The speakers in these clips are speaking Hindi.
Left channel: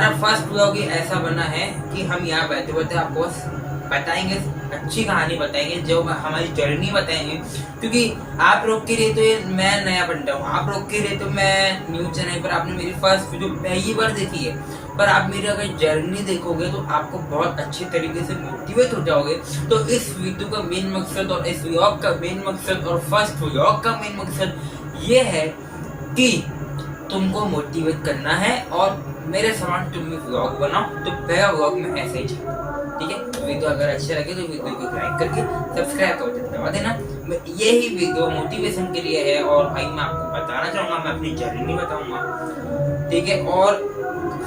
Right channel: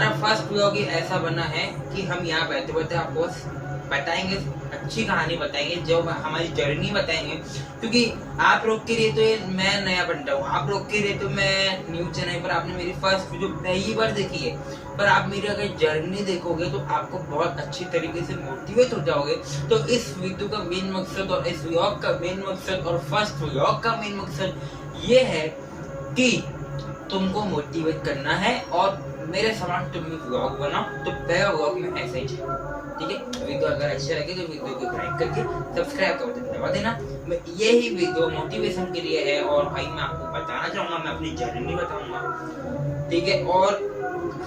हमारा फर्स्ट ब्लॉग ही ऐसा बना है कि हम यहाँ बैठे बैठे आपको बताएंगे, अच्छी कहानी बताएंगे, जो हमारी जर्नी बताएंगे। क्योंकि आप लोग के लिए तो मैं नया बंदा हूँ, आप लोग के लिए तो मैं न्यूज चैनल पर आपने मेरी फर्स्ट वीडियो पहली बार देखी है, पर आप मेरी अगर जर्नी देखोगे तो आपको बहुत अच्छे तरीके से मोटिवेट हो जाओगे। तो इस वीडियो का मेन मकसद और इस व्लॉग का मेन मकसद और फर्स्ट व्लॉग का मेन मकसद ये है कि तुमको मोटिवेट करना है और मेरे समान तुम व्लॉग बनाओ। तो पहला व्लॉग में ऐसे ही, ठीक है। वीडियो अगर अच्छे लगे तो वीडियो को लाइक करके सब्सक्राइब कर दबा देना। यही वीडियो मोटिवेशन के लिए है और भाई मैं आपको बताना चाहूंगा, मैं अपनी जर्नी बताऊंगा, ठीक है। और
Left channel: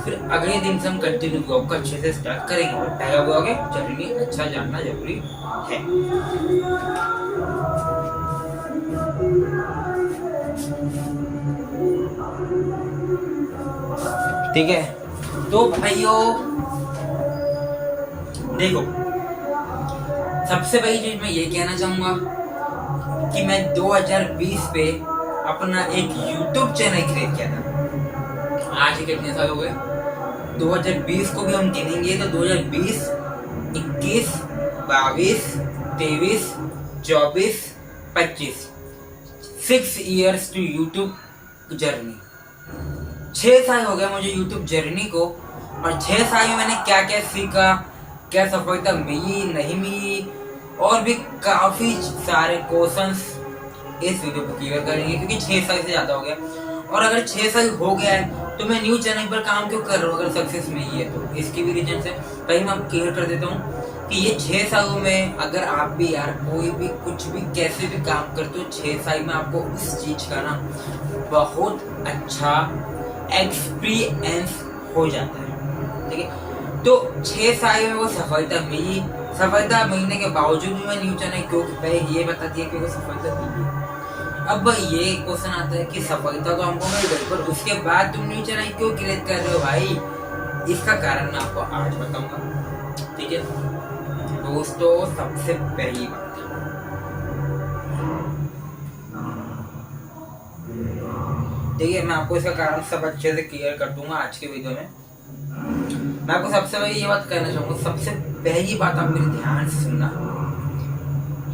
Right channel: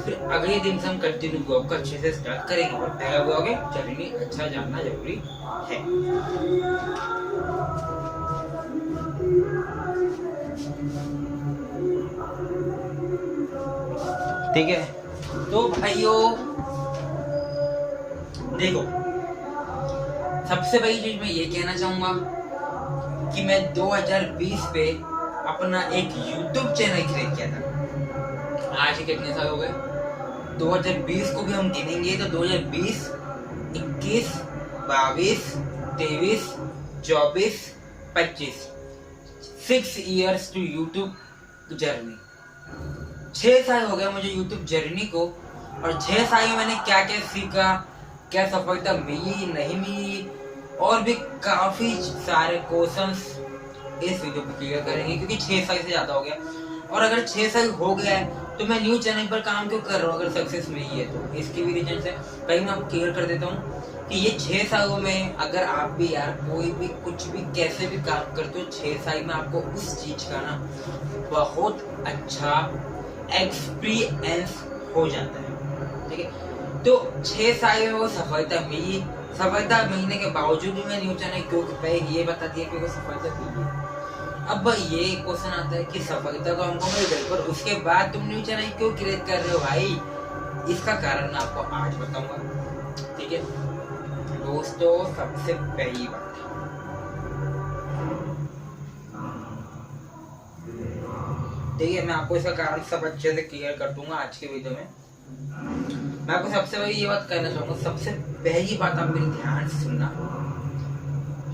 फिर अगले दिन से हम कंटिन्यू व्लॉग को अच्छे से स्टार्ट करेंगे। और पहला व्लॉग है, जर्नी अच्छा जानना जरूरी है। ठीक है, तो भाइयों देखो, सबसे पहली चीज मैं ये कहना चाहूंगा कि मैं 2020 पे अपना एक YouTube चैनल क्रिएट किया था। आज कितने साल हो गए? 2020 को भी हम गिनेंगे तो 2020, 21, 22, 23, 24, 25, 6 years टू YouTube जर्नी। 6 साल हो गया मुझे YouTube जर्नी को, और 6 साल में मैंने क्या क्या सीखा, क्या सफलता मिली नहीं मिली, और भी काफी सारे क्वेश्चंस इस वीडियो को क्लियर करेंगे। क्योंकि 6 साल से ज्यादा हो गया, और अगर 6 साल हो गया है तो मैं न्यू चैनल पर काम क्यों कर रहा हूँ अगर सक्सेस में ही है तो। इसके भी रीजन से कहीं मैं आपको क्लियर कर देता हूँ कि ये 6 सालों में अगर आप भी यार कोई भी कुछ भी कैसे भी काम करते हो, 6 साल में आपको उस चीज का ना बहुत अच्छा एक्सपीरियंस हो जाता है, ठीक है। तो 6 साल में वो सफलता मिली। सफलता मिलने के बावजूद भी मैं न्यू चैनल क्यों पहले ये बताती है कि वो सफलता मिली। अब ये क्वेश्चन आता है कि सफलता तो हमको मिल गई, पर उसके बाद तुम न्यू चैनल क्यों क्रिएट कर रहे हो भाई? इसका कारण मैं आपको आज बताऊंगा, ठीक है दोस्तों। सबसे पहली बात, ठीक है, मैं आपको इसका कारण सब अच्छे से क्लियर कर दूंगा आज के वीडियो में। मैं आपको सबसे पहले ये बात कहना चाहूंगा, सबसे पहली बात आप मेरे ध्यान से सुनना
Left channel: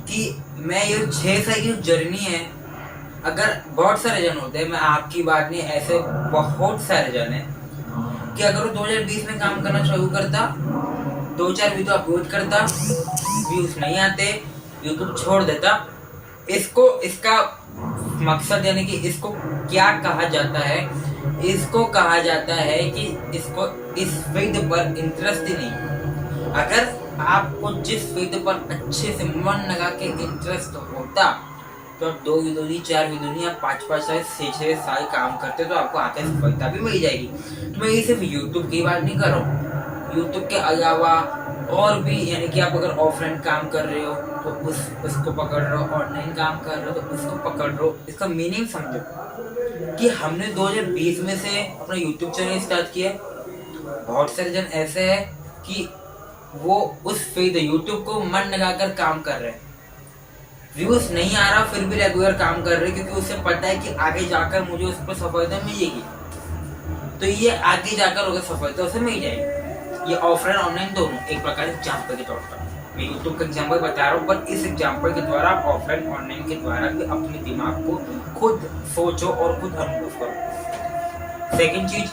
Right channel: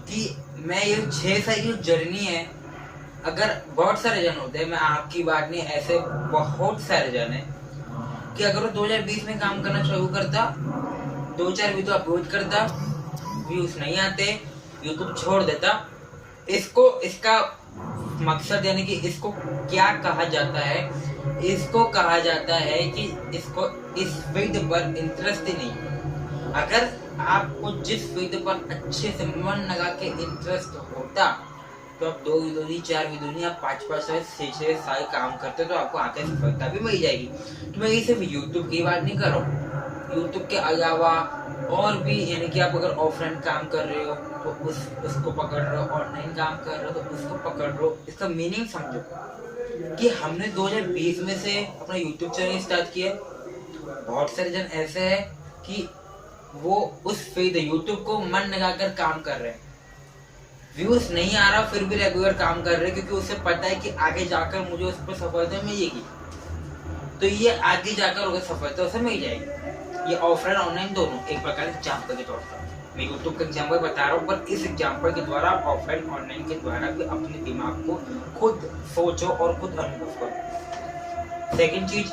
कि मैं ये 6 साल की जर्नी है। अगर बहुत सारे जन होते हैं, मैं आपकी बात नहीं, ऐसे बहुत सारे जन है कि अगर वो 2020 में काम करना शुरू करता, 2-4 वीडियो अपलोड करता, व्यूज नहीं आते, यूट्यूब छोड़ देता। इसका मकसद यानी कि इसको क्या कहा जाता है? इसको कहा जाता है कि इसको इस फील्ड पर इंटरेस्ट ही नहीं। अगर आपको जिस फील्ड पर अच्छे से मन लगा के इंटरेस्ट होता तो आप 2 वीडियो नहीं, 4 वीडियो नहीं, आप 5-5 साल, 6-6 साल काम करते तो आपको आगे सफलता भी मिल जाएगी। तो मैं ये सिर्फ यूट्यूब की बात नहीं कर रहा हूँ, यूट्यूब के अलावा और भी, यानी कि आप अगर ऑफलाइन काम कर रहे हो तो उसको पकड़ लो, ऑनलाइन काम कर रहे हो तो उसको पकड़ लो। इसका मीनिंग समझो कि हमने 2020 में से अपना यूट्यूब चैनल स्टार्ट किया। बहुत सारे जन ऐसे हैं कि वो उस फील्ड यूट्यूब को मन लगाकर काम कर रहे हैं, व्यूज नहीं आ रहा फिर भी रेगुलर काम कर रहे हैं, क्योंकि उसे पता है कि आगे जाकर मुझे उस पर सफलता मिलेगी। तो ये आगे जाकर अगर सफलता उसे मिल जाएगी। ये ऑफलाइन ऑनलाइन दोनों एक प्रकार एग्जाम्पल के तौर पर मैं यूट्यूब का एग्जाम्पल बता रहा हूँ, पर इस एग्जाम्पल के द्वारा आप ऑफलाइन ऑनलाइन के द्वारा भी अपने दिमाग को खुद सोचो और खुद अनुभव करो। सेकंड चीज,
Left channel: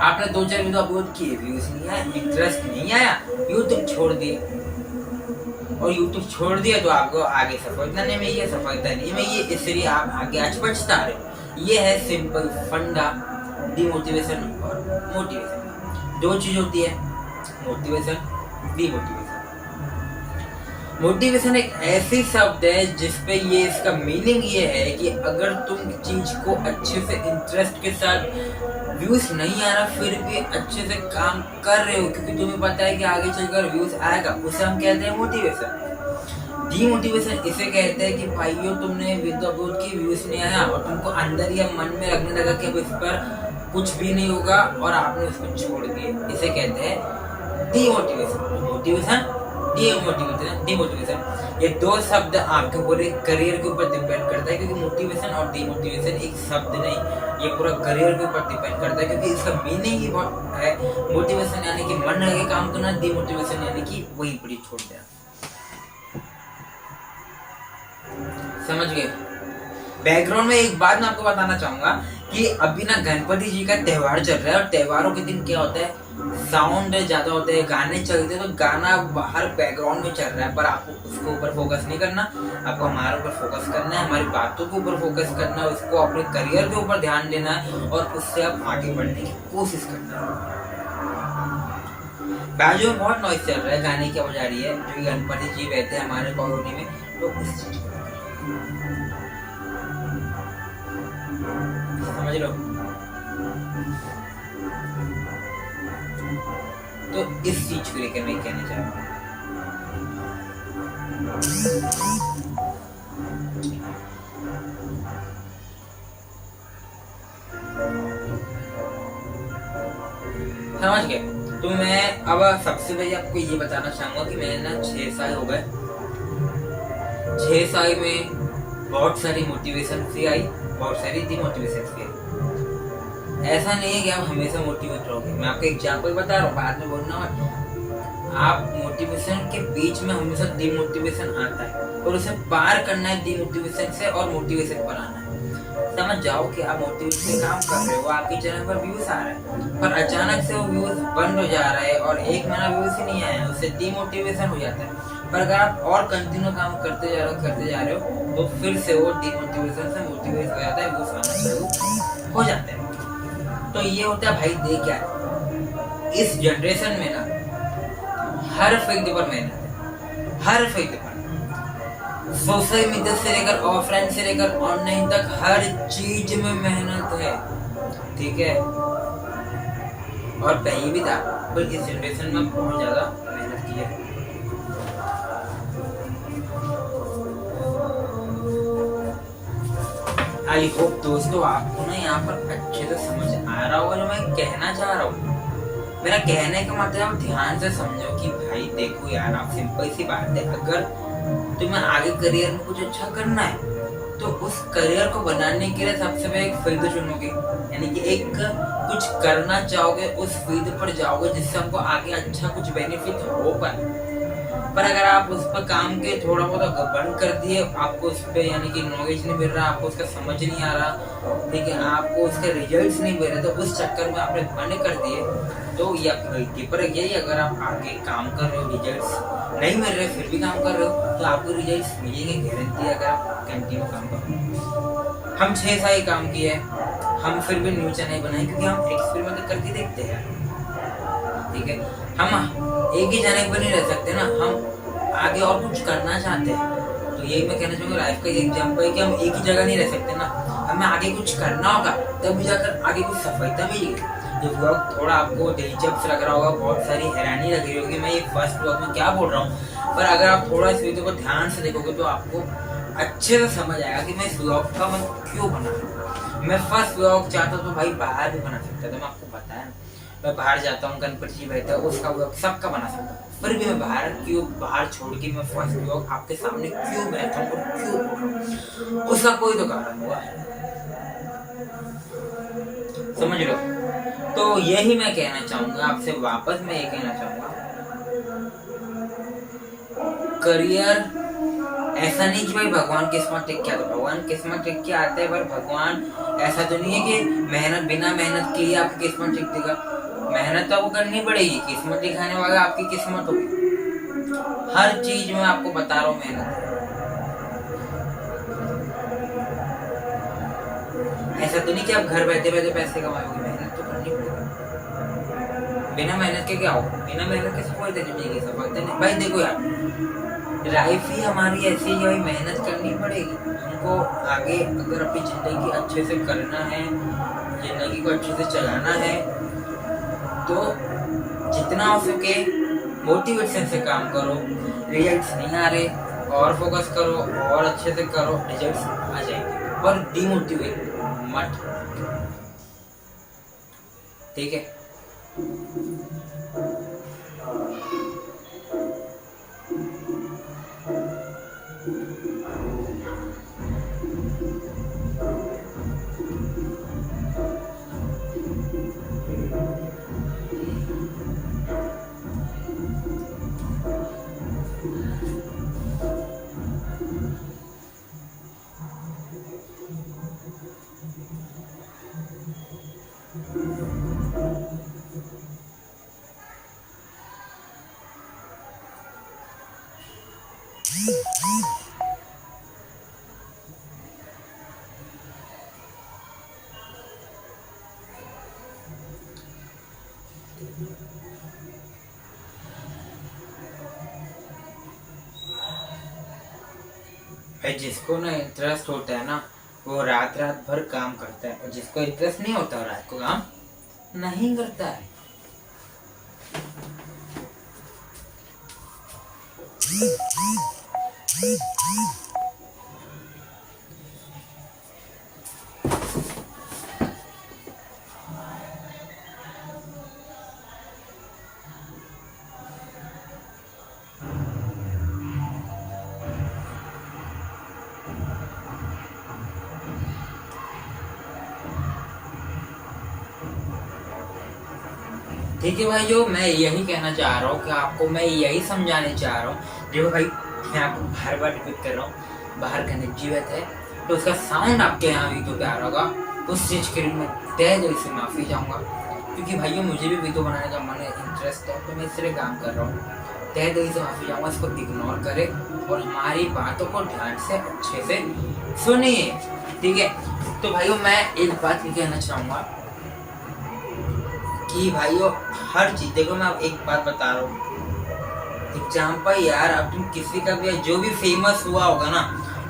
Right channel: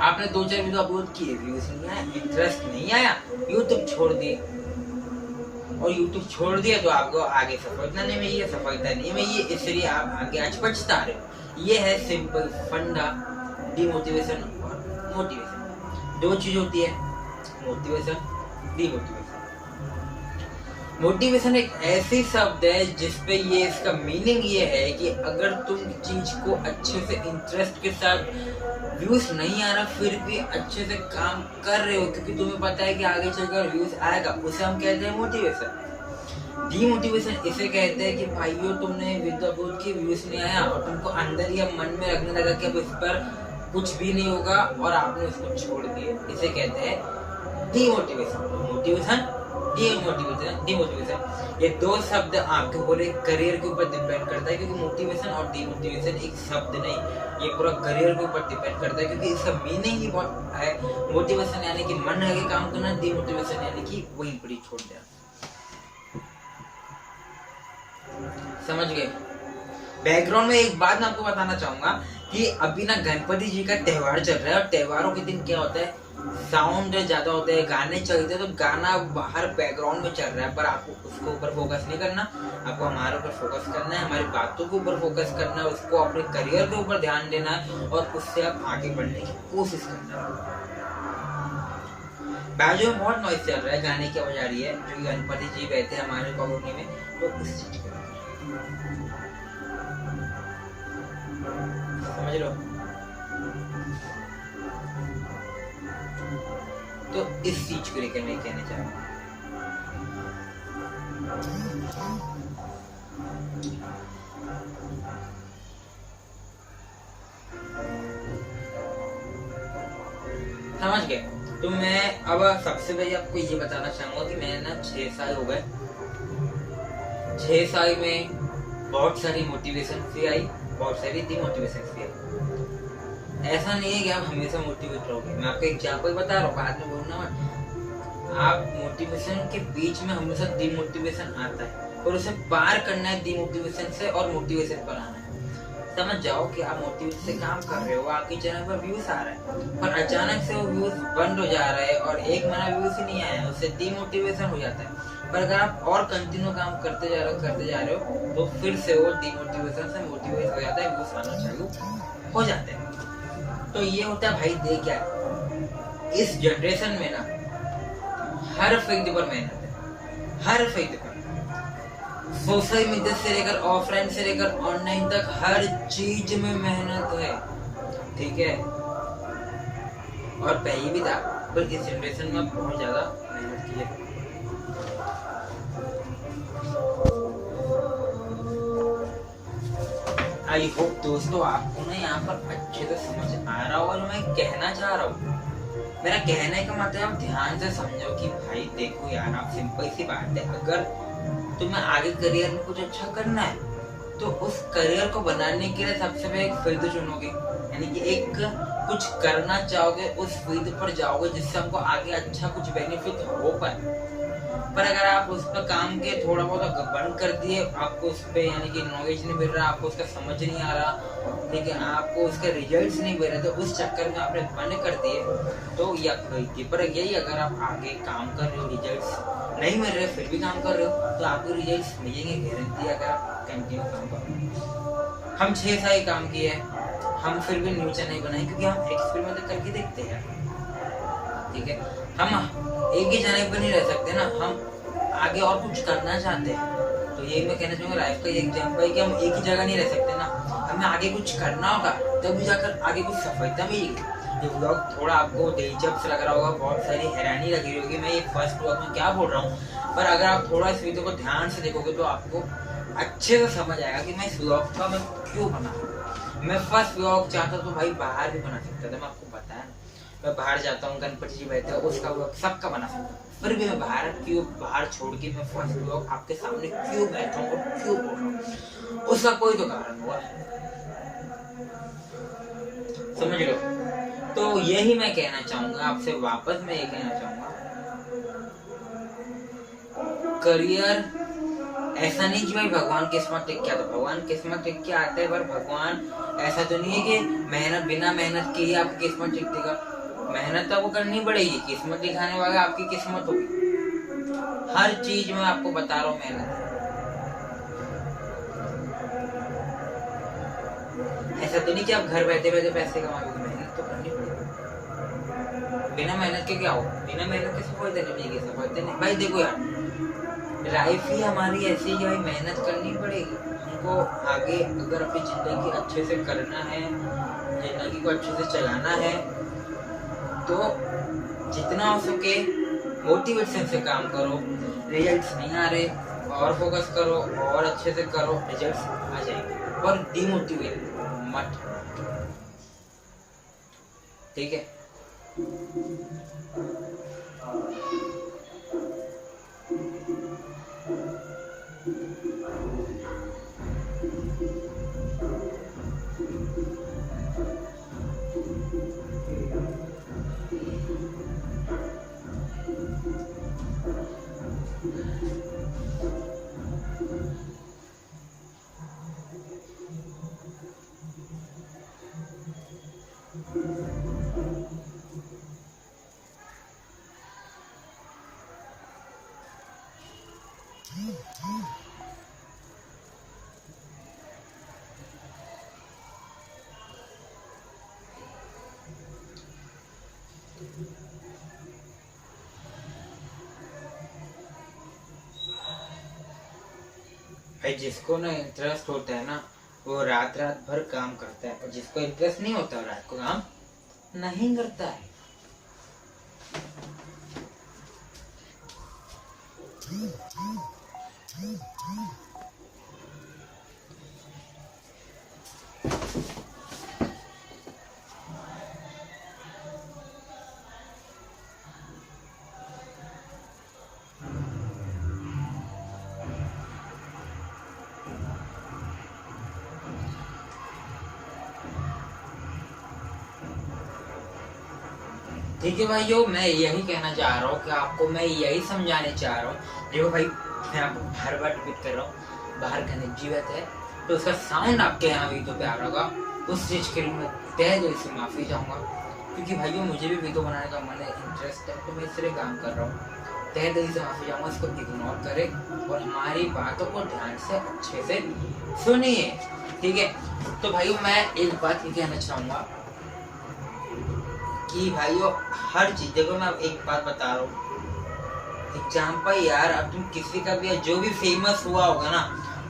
आपने 2-4 वीडियो अपलोड किए, व्यूज नहीं आया, इंटरेस्ट नहीं आया, यूट्यूब छोड़ दिए। और यूट्यूब छोड़ दिया तो आपको आगे सफलता नहीं मिली, सफलता नहीं मिली, इसलिए आप आगे आज पछता रहे हो। ये है सिंपल फंडा डिमोटिवेशन और मोटिवेशन। 2 चीज होती है, मोटिवेशन, डिमोटिवेशन। मोटिवेशन एक ऐसी शब्द है जिसपे ये इसका मीनिंग ये है कि अगर तुम चीज को अच्छे से इंटरेस्ट के साथ, व्यूज नहीं आ रहा फिर भी अच्छे से काम कर रहे हो क्योंकि तुम्हें पता है कि आगे चलकर व्यूज आएगा, उसे हम कहते हैं मोटिवेशन। डीमोटिवेशन इसे कहते हैं कि भाइयों तुमने वीडियो अपलोड की, व्यूज नहीं आया और तुमको अंदर ही मन में लगने लगा कि अब इस पर कुछ भी नहीं होगा और आपने उसको छोड़ दिया, इसे कहते हैं डीमोटिवेशन। मोटिवेशन, डिमोटिवेशन, ये 2 शब्द आपके पूरे करियर के ऊपर डिपेंड करता है, क्योंकि मोटिवेशन और डिमोटिवेशन एक शब्द नहीं, ये पूरा करियर के ऊपर डिपेंड करता है, क्योंकि इसका मीनिंग ही बहुत है। मोटिवेशन यानी कि मन लगे काम करना, डिमोटिवेशन यानी कि वही पूरी छोड़ देना। समझ गए? बैकग्राउंड में एक बात मैं आपको बताना चाहूंगा कि अभी ना गणपति जी का त्योहार चल रहा है, और त्योहारों के दिन क्या होता है, साउंड ज्यादा होते हैं, गाने चलते हैं, तो गाना बाहर बैकग्राउंड में चल रहा है, पर आपको उसके ऊपर फोकस नहीं करना, आपको हमारे ऊपर फोकस करना है, हमारी बातों के ऊपर फोकस करना है, उसको अपने करियर के ऊपर ध्यान देना है, और उससे आप आगे बढ़ने की कोशिश करना है। बाजू में बहुत नॉइज चल रहा है, गाने की आवाज आ रही है, जो गणपति जी रहते हैं हमारे कॉलोनी में, तो समझ लो। तो इस चीज को लेकर मैं कहना चाह रहा हूँ। समझ गए? तो मैं अब सबसे पहले आपको ये बताना चाहूंगा कि मैंने ना 6 साल हो गए, 6 साल में बहुत सारी मोटिवेशन भी आई, बहुत सारी डिमोटिवेशन भी आई। ऐसा नहीं है कि आप हमेशा मोटिवेट रहोगे। मैं आपको एग्जाम्पल बता रहा हूँ, बाद में बोलना मत। आप मोटिवेशन के बीच में हमेशा डिमोटिवेशन आता है, और उसे पार करना है डिमोटिवेशन से और मोटिवेशन बनाना है। समझ जाओ कि आप मोटिवेशन से काम कर रहे हो, आपकी चैनल पर व्यूज आ रहा है, पर अचानक से वो व्यूज बंद हो जा रहा है और एक महीना व्यूज ही नहीं आया, उससे डिमोटिवेशन हो जाता है। पर अगर आप और कंटिन्यू काम करते जा रहे हो तो फिर से वो डिमोटिवेशन से मोटिवेट हो जाता है, व्यूज आना शुरू हो जाते हैं। तो ये होता है भाई, दे क्या है इस जनरेशन में ना, हर फील्ड पर मेहनत है, हर फील्ड पर, सोशल मीडिया से लेकर ऑफलाइन से लेकर ऑनलाइन तक हर चीज में मेहनत है, ठीक है। और पहले भी था, पर इस जनरेशन में बहुत ज्यादा मेहनत की है। आई होप दोस्तों आपको ना यहाँ पर अच्छे से समझ आ रहा होगा जो मैं कहना चाह रहा हूँ। मेरा कहने का मतलब आप ध्यान से समझो कि भाई देखो यार, आप सिंपल सी बात है, अगर तुम्हें आगे करियर में कुछ अच्छा करना है तो उस करियर को बनाने के लिए सबसे पहले एक फील्ड चुनोगे, यानी कि एक कुछ करना चाहोगे, उस फील्ड पर जाओगे जिससे हमको आगे अच्छा कुछ बेनिफिट हो पाए। पर अगर आप उस पर काम के थोड़ा बहुत बंद कर दिए, आपको उस पर यानी कि नॉलेज नहीं मिल रहा, आपको उसका समझ नहीं आ रहा, ठीक है, आपको उसके रिजल्ट्स नहीं मिल रहे, तो उस चक्कर में आपने बंद कर दिए, तो ये आपकी गलती। पर यही अगर आप आगे काम कर रहे हो, रिजल्ट्स नहीं मिल रहे फिर भी काम कर रहे हो, तो आपको रिजल्ट्स मिलेंगे गारंटी, अगर आप कंटिन्यू काम करो। हम 6 साल काम किए, हम फिर भी न्यूज चैनल बनाए, क्योंकि हम एक्सपेरिमेंट करके देखते हैं, ठीक है। हम एक ही चैनल पर नहीं रह सकते ना, हम आगे और कुछ करना चाहते हैं। तो यही मैं कहना चाहूँगा, लाइफ का एग्जाम्पल कि हम एक ही जगह नहीं रह सकते ना, हमें आगे कुछ करना होगा, तभी जाकर आगे कुछ सफलता मिलेगी। ये व्लॉग थोड़ा आपको दिलचस्प लग रहा होगा, बहुत सारी हैरानी लग रही होगी मैं ये फर्स्ट व्लॉग में क्या बोल रहा हूँ, पर अगर आप थोड़ा इस वीडियो को ध्यान से देखोगे तो आपको अच्छे से समझ आएगा कि मैं इस व्लॉग का मैं क्यों बना रहा हूँ। मैं फर्स्ट व्लॉग चाहता तो भाई बाहर भी बना सकता था, मैं आपको बताया, मैं बाहर जाता हूँ, गणपति जी बैठा है, उसका व्लॉग सबका बना सकता हूँ, फिर भी मैं बाहर छोड़ के मैं फर्स्ट व्लॉग आपके सामने क्यों बैठा हूँ, क्यों बोल रहा हूँ, उसका कोई तो कारण हुआ है, समझ लो। तो यही मैं कहना चाहूंगा आपसे, वापस मैं ये कहना चाहूंगा, करियर ऐसा नहीं कि भाई भगवान किस्मत टिक क्या, तो भगवान किस्मत टिक के आते हैं, पर भगवान ऐसा तो नहीं है कि मेहनत बिना मेहनत की आपकी किस्मत टिक देगा। मेहनत तो आपको करनी पड़ेगी, किस्मत दिखाने वाला आपकी किस्मत होगी। हर चीज में आपको बता रहा हूँ मेहनत, ऐसा तो नहीं कि आप घर बैठे बैठे पैसे कमाओगे, मेहनत तो करनी पड़ेगी। बिना मेहनत के क्या हो, बिना मेहनत के सफलता नहीं मिलेगी, सफलता नहीं। भाई देखो यार, लाइफ ही हमारी ऐसी ही है, मेहनत करनी पड़ेगी हमको। आगे अगर अपनी जिंदगी अच्छे से करना है, जिंदगी को अच्छे से चलाना है, तो जितना हो सके मोटिवेशन से काम करो। रिजल्ट्स नहीं आ रहे और फोकस करो, और अच्छे से करो, रिजल्ट्स आ जाएंगे। और डिमोटिवेट मत, ठीक है। भाई जिसको ना इंटरेस्ट होता है ना वो रात रात भर काम करता है, और जिसको इंटरेस्ट नहीं होता रात को काम नहीं करता है। ठीक है भाई, जो मैं यही कहना चाह रहा हूँ कि आपको मैं यही समझाने चाह रहा हूँ। देखो भाई, मैं आपको बार बार रिपीट कर रहा हूँ, बाहर का जीवित है तो उसका साउंड आपके यहाँ वीडियो पे आ रहा होगा, उस चीज़ के लिए मैं तहे दिल से माफ़ी चाहूँगा। क्योंकि भाइयों मुझे भी वीडियो बनाने का मन है, इंटरेस्ट है, तो मैं इसलिए काम कर रहा हूँ। तहे दिल से माफ़ी चाहूँगा, इसको इग्नोर करें और हमारी बातों को ध्यान से अच्छे से सुनिए। ठीक है, तो भाइयों मैं एक बात कहना चाहूँगा कि भाइयों हर चीज, देखो मैं एक बात बता रहा हूँ, एग्जाम्पल यार, अब तुम किसी का भी जो भी फेमस हुआ होगा ना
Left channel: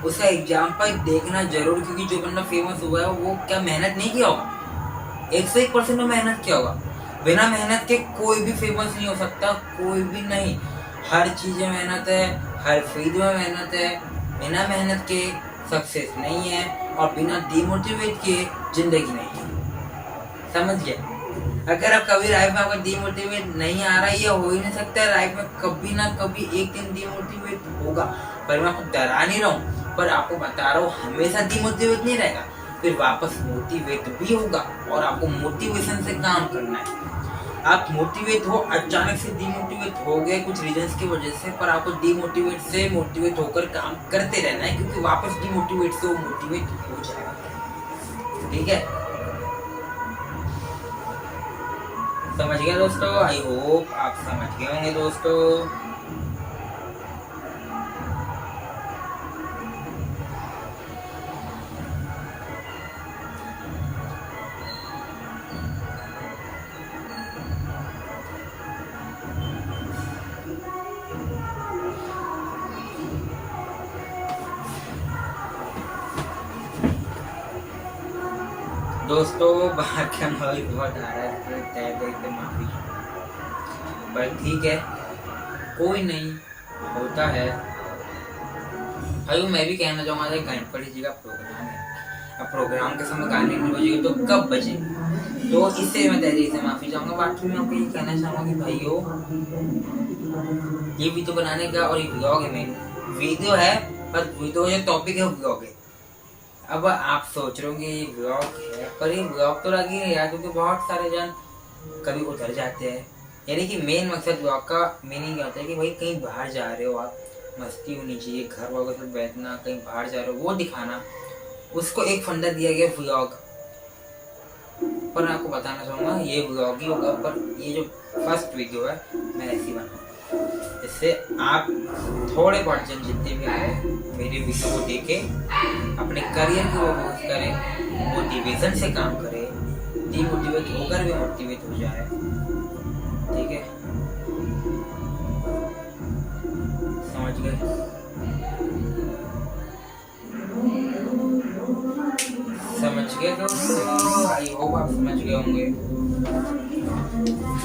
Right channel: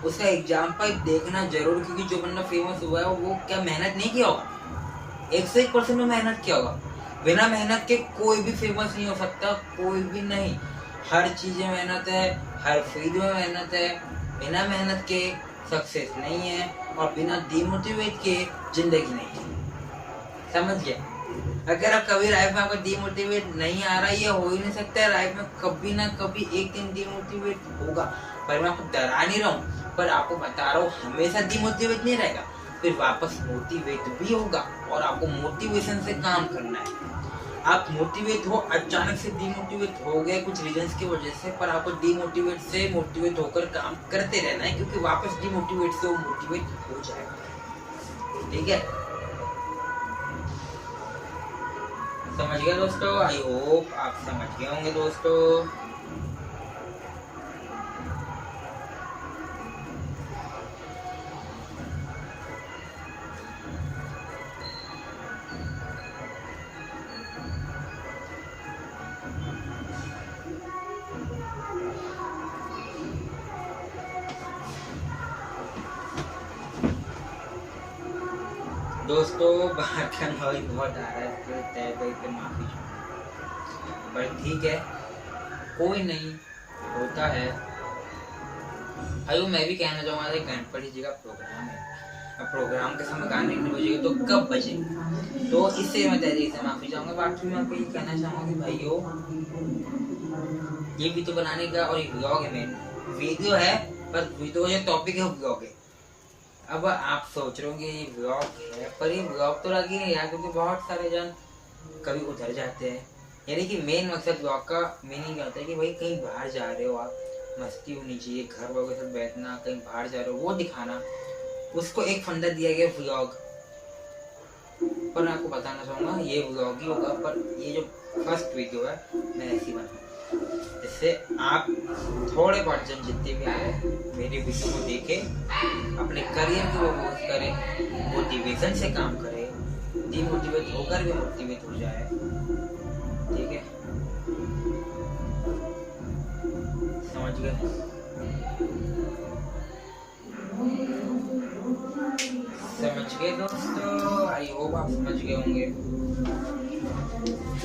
उसका एग्जाम्पल देखना जरूर, क्योंकि जो बंदा फेमस हुआ है वो क्या मेहनत नहीं किया होगा, 101% में मेहनत किया होगा। बिना मेहनत के कोई भी फेमस नहीं हो सकता, कोई भी नहीं। हर चीज में मेहनत है, हर फील्ड में मेहनत है। बिना मेहनत के सक्सेस नहीं है, और बिना डिमोटिवेट के जिंदगी नहीं है। समझिए, अगर आप कभी लाइफ में आपको डिमोटिवेट नहीं आ रहा है, ये हो ही नहीं सकता, लाइफ में कभी ना कभी एक दिन डिमोटिवेट होगा। पर मैं आपको डरा नहीं रहा हूँ, पर आपको बता रहा हूँ हमेशा डिमोटिवेट नहीं रहेगा, फिर वापस मोटिवेट भी होगा, और आपको मोटिवेशन से काम करना है। आप मोटिवेट हो, अचानक से डिमोटिवेट हो गए कुछ रीजंस की वजह से, पर आपको डिमोटिवेट से मोटिवेट होकर काम करते रहना है, क्योंकि वापस डिमोटिवेट से वो मोटिवेट हो जाएगा। ठीक है, समझ गए दोस्तों? आई होप आप समझ गए होंगे दोस्तों। दोस्तों बाहर का नॉइज बहुत आ रहा है, माफी, पर ठीक है, कोई नहीं, होता है। भाइयों मैं भी कहना चाहूँगा, गणपति जी का प्रोग्राम है, अब प्रोग्राम के समय गाने नहीं बजेगी तो कब बजेगी, तो इससे मैं तहरीर से माफी चाहूँगा। बाकी मैं आपको ये कहना चाहूँगा कि भाइयों ये वीडियो बनाने का, और ये व्लॉग में वीडियो है, पर वीडियो जो टॉपिक है व्लॉग है। अब आप सोच रहे होंगे ये ब्लॉग है, पर ये ब्लॉग तो लगी है यार, क्योंकि बहुत सारे जन कभी उधर जाते हैं। यानी कि मेन मकसद ब्लॉग का मीनिंग क्या होता है कि भाई कहीं बाहर जा रहे हो आप, मस्ती होनी चाहिए, घर वालों के साथ बैठना, कहीं बाहर जा रहे हो वो दिखाना, उसको एक फंडा दिया गया व्लॉग। पर मैं आपको बताना चाहूँगा ये व्लॉग ही होगा, पर ये जो फर्स्ट वीडियो है मैं ऐसी बनाऊँगा, जिससे आप थोड़े बहुत जन जितने भी आए मेरे वीडियो को देखें, अपने करियर को फोकस करें, मोटिवेशन से काम करें, डिमोटिवेट होकर भी मोटिवेट हो जाए। ठीक है, समझ गए? समझ गए दोस्तों? आई होप आप समझ गए होंगे।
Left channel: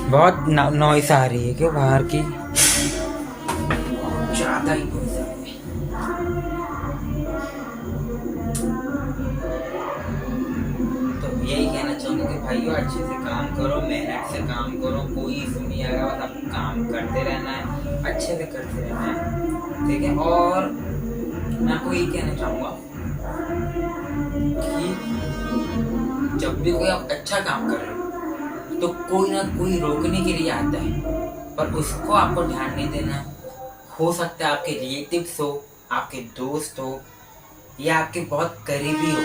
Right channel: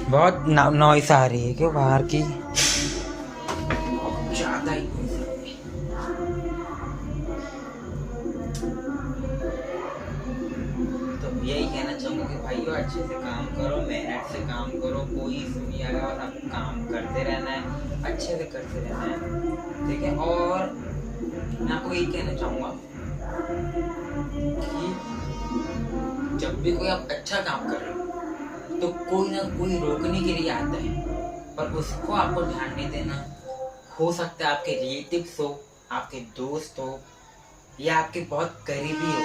बहुत नॉइस आ रही है क्यों बाहर की, ज्यादा ही नॉइस आ रही है। तो यही कहना चाहूँगा कि भाइयों अच्छे से काम करो, मेहनत से काम करो, कोई इशू नहीं आएगा, बस आपको काम करते रहना है, अच्छे से करते रहना है। ठीक है, और मैं आपको यही कहना चाहूँगा कि जब भी कोई आप अच्छा काम कर रहे हो तो कोई ना कोई रोकने के लिए आता है, पर उसको आपको ध्यान नहीं देना। हो सकता है आपके रिलेटिव्स हो, आपके दोस्त हो, या आपके बहुत करीबी हो,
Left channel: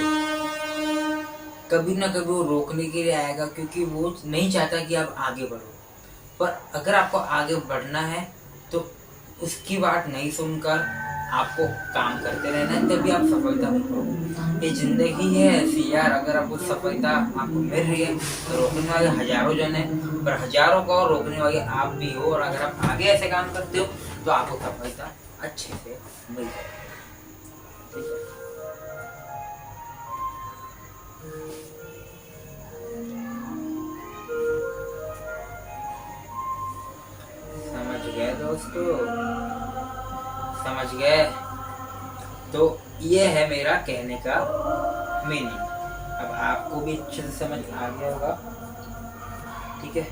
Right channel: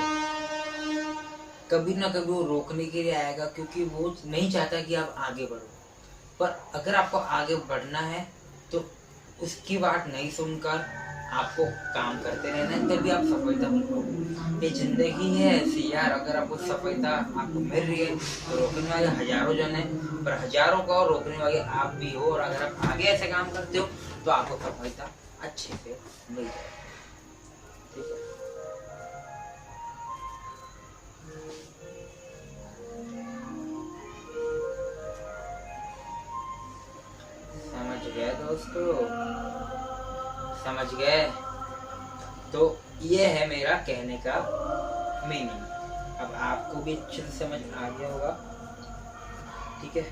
कभी ना कभी वो रोकने के लिए आएगा, क्योंकि वो नहीं चाहता कि आप आगे बढ़ो। पर अगर आपको आगे बढ़ना है तो उसकी बात नहीं सुनकर आपको काम करते रहना है, तभी आप सफलता मिलोगे। ये जिंदगी है ऐसी यार, अगर आपको सफलता आपको मिल रही है तो रोकने वाले हजारों जन है, पर हजारों को और रोकने वाले आप भी हो, और अगर आप आगे ऐसे काम करते हो तो आपको सफलता अच्छे से मिल जाएगी। ठीक है। समझ गए दोस्तों, समझ गए। तो ये है मेरा कहने का मीनिंग। अब आपको भी अच्छे से समझ आ गया होगा, ठीक है।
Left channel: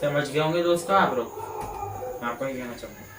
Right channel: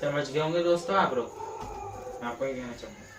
समझ गए होंगे दोस्तों आप लोग, मैं आपको ये कहना चाहूंगा।